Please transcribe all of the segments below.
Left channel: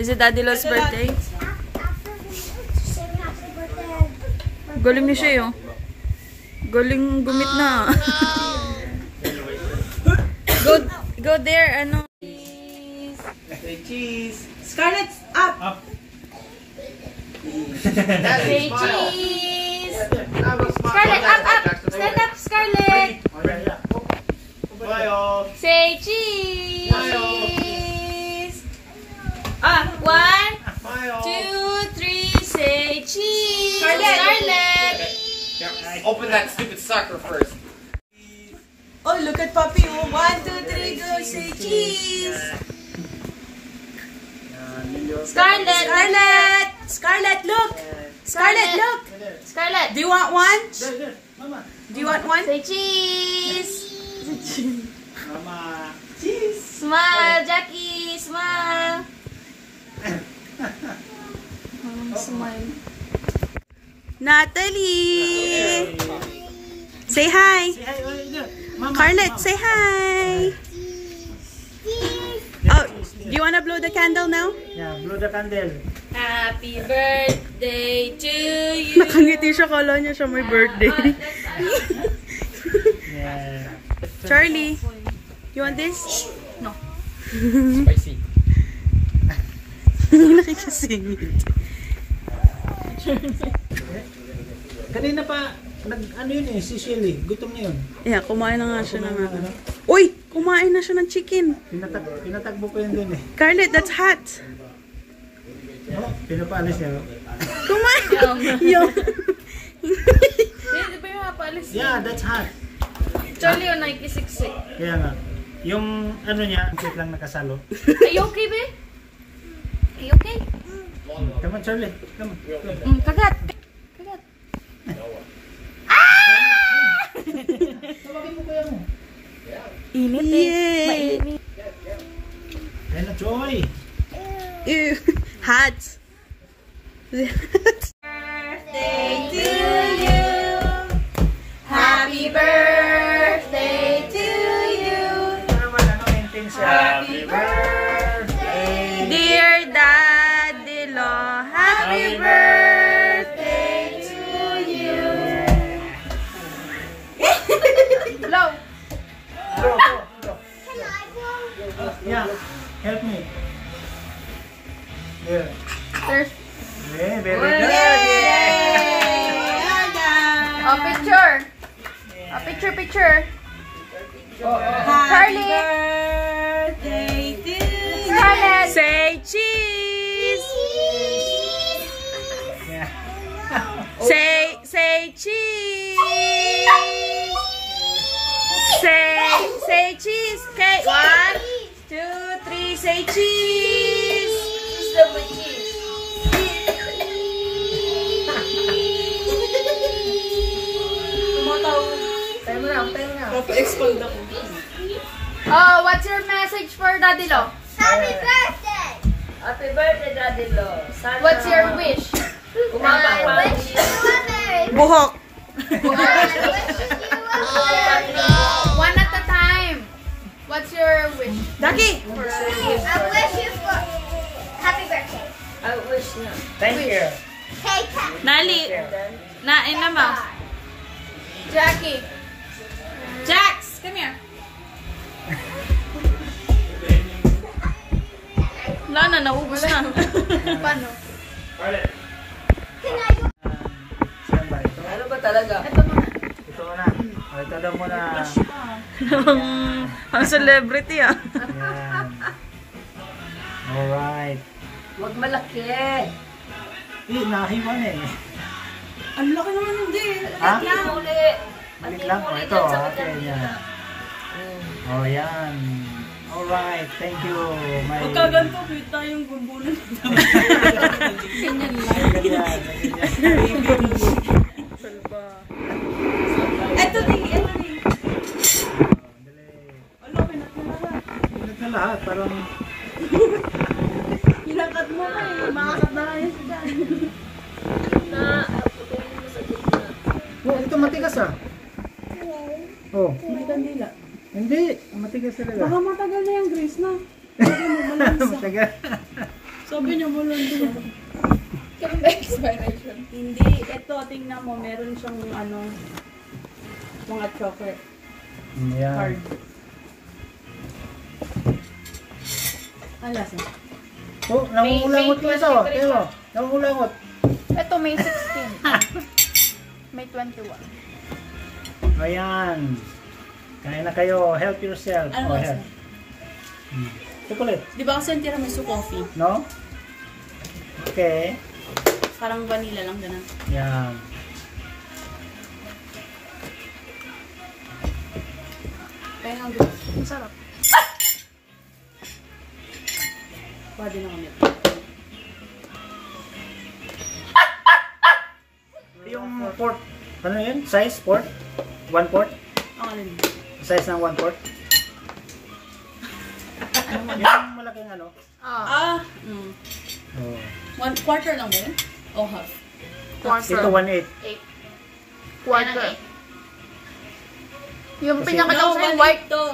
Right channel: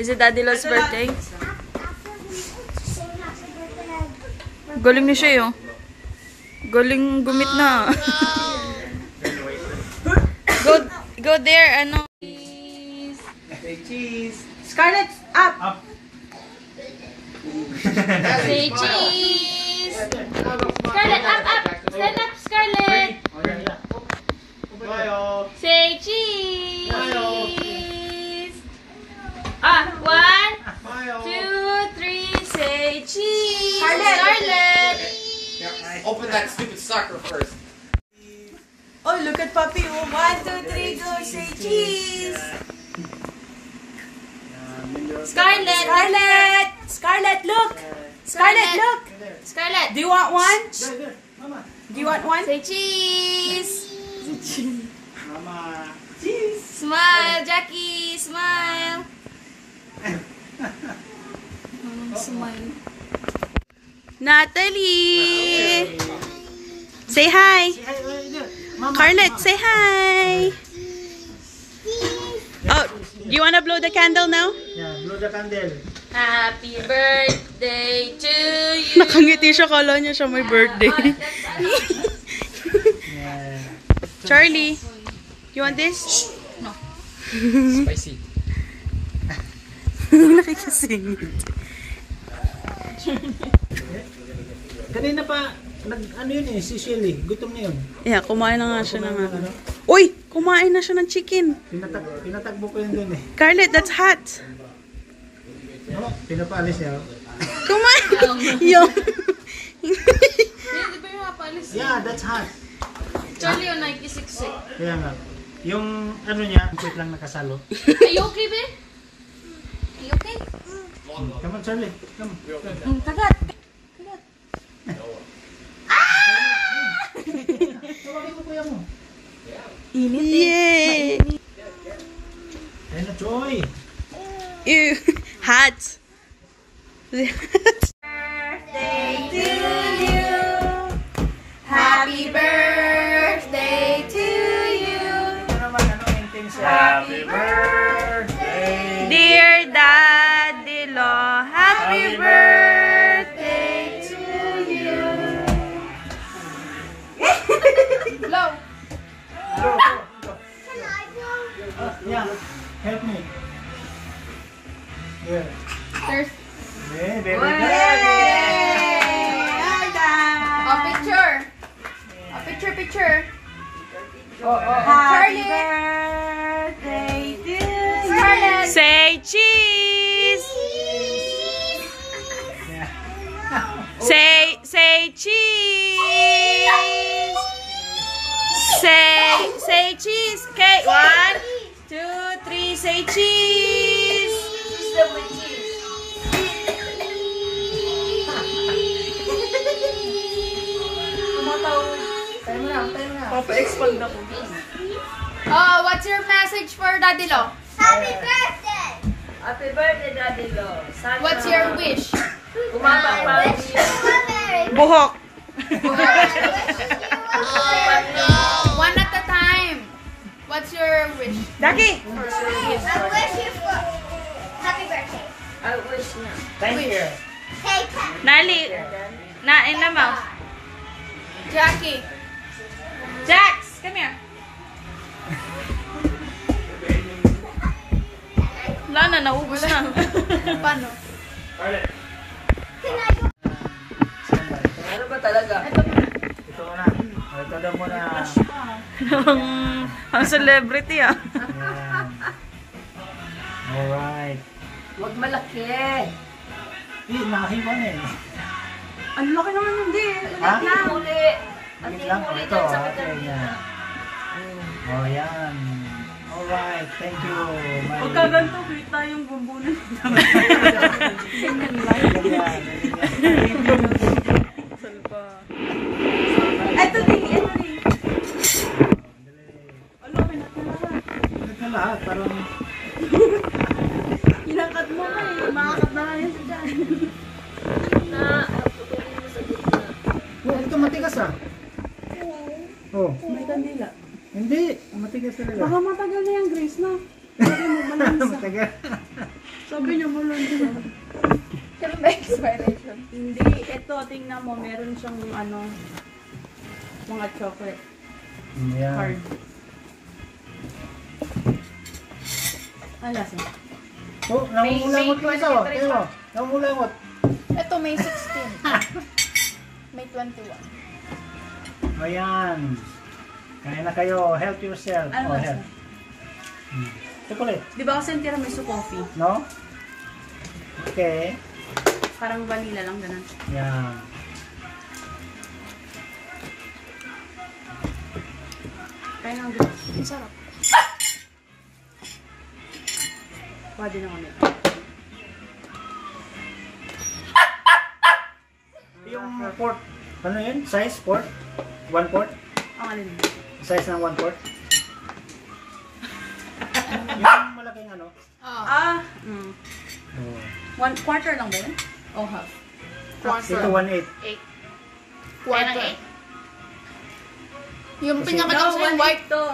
Is it Daddy Lo's birthday? Galing ni siya yun. Galing gumit na. Go there, ano? Say cheese. Scarlett, up. Up. Say cheese. Scarlett, up. Stand up, Scarlett. Say cheese. 1, 2, 3. Say cheese. Scarlett. Open that stupid sucker first. Oh, look at Papi. 1, 2, 3, go. Say cheese. Scarlett. Scarlett, look. Scarlett, look. Scarlett. Do you want one? Mama. Do you want one? Say cheese. Mama. Smile, Jackie. Smile. Smile. Natalie. Say hi. Scarlett, say hi. Oh, do you want to blow the candle now? Yeah, blow the candle. Happy birthday to you. Nakangiti siya, kala niya siya may birthday. Yeah. Charlie, you want this? No. Spicy. Nakikisingit. Kanina pa, ano yun si Shelly, gutom na yun. Yeah, kumain na nga siya ng ano. Uy, kumain na siya ng chicken. Pinatagbo ko yun dun eh. Scarlett, that's hot. Oh, pinapaalis niya. Kumain. Yung. Yeah, that's hot. Charlie, yung Nike 6. Kaya nga. Yung ano niya, wait lang nakasalo. Are you okay, babe? Are you okay? Come on, Charlie. Come on. Kagat. Tawagin mo kuya mo. Init. Yay! Ayun na, Joy. Ew. Hot. Birthday to you. Happy birthday to you. Ito naman, ano yung things Happy birthday. Dear Daddy Lo, happy birthday to you. Blow. Go. Yeah, help me. Yeah. First. Yeah, very good. A picture. A picture. Happy Charlie. birthday to you. Scarlett. Say cheese. Yeah. Say cheese. Say cheese. Okay, 1, 2, 3. Say cheese. Papa-expand ako. Oh, what's your message for Daddy Lo? Happy birthday! Happy birthday, Daddy Lo. Sana What's your wish? umabot I pa. wish you a merry Buhok. One at a time. What's your wish? Daki. I wish you for happy birthday. I wish na. Thank you. Cake. Nali. Nain na ba? Jackie. Jax, come here. Wala na, naubos na. Paano? Saan ba ito? Ano ba talaga? Ito mo. Ito na. Ito daw muna. Ang celebrity ah. Yan. Alright. Huwag malaki. Nahiwan eh. Ang laki naman hindi. Ha? Uli. Balik lang. Oh, ito. Okay, yan. Oh, yan. Alright. Thank you. Pagkaganto, kita yung bumbunan. Salba. Ito din. Ano, pinagkalaga. Pinagkalaga. Parang... Pinakat mo ka eh. Makakat na kayo sa dyan. Oh, ito matigas ah. Oh. Hindi kandila. Hindi. Matigas talaga. Baka matagal na yung grease na. Pwede mo malansa. Matagal. Sabi niya mo lang din. Kailan ba expiration? Hindi, ito, tingnan mo, meron siyang ano, mga chocolate Yan. card. Ano lasa? Oh, nangungulangot May pa ito. 23 Tingnan mo. Nangungulangot. Ito, May 16. May 21. Ayan. Kain na kayo. Help yourself. Ano lasa? help. Chocolate. Di ba kasi yung tiramisu coffee? No? Okay. Parang vanilla lang ganun. Yan. Kaya nga ganun. Ang sarap. Pwede na ulit. Yung port. Ano yun? Size? Port? 1 port? Ang alin. Size ng 1 port? Yung malaking ano? Ah, Oh. 1/4 lang ba yun? O half? Ito 1/8. 8. Quarter. Yung Kasi- pinakita ko sa yung white. to.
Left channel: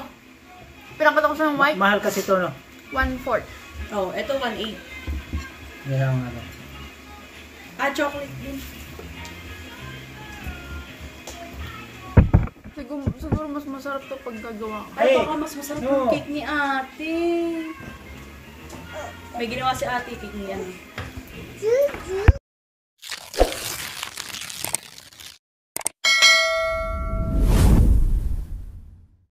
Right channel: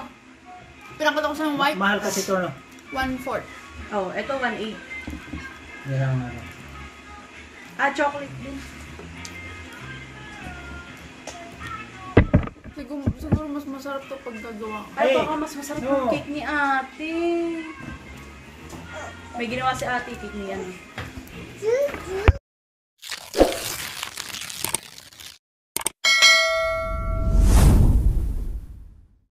Pinakita ko sa yung white. Mahal kasi ito, no? 1/4. Oh, ito 1/8. Yan ang ano. Ah, chocolate din. Siguro mas masarap to pag gagawa. Ay, Hey, baka mas masarap no. yung cake ni ate. May ginawa si ate, cake ni ano.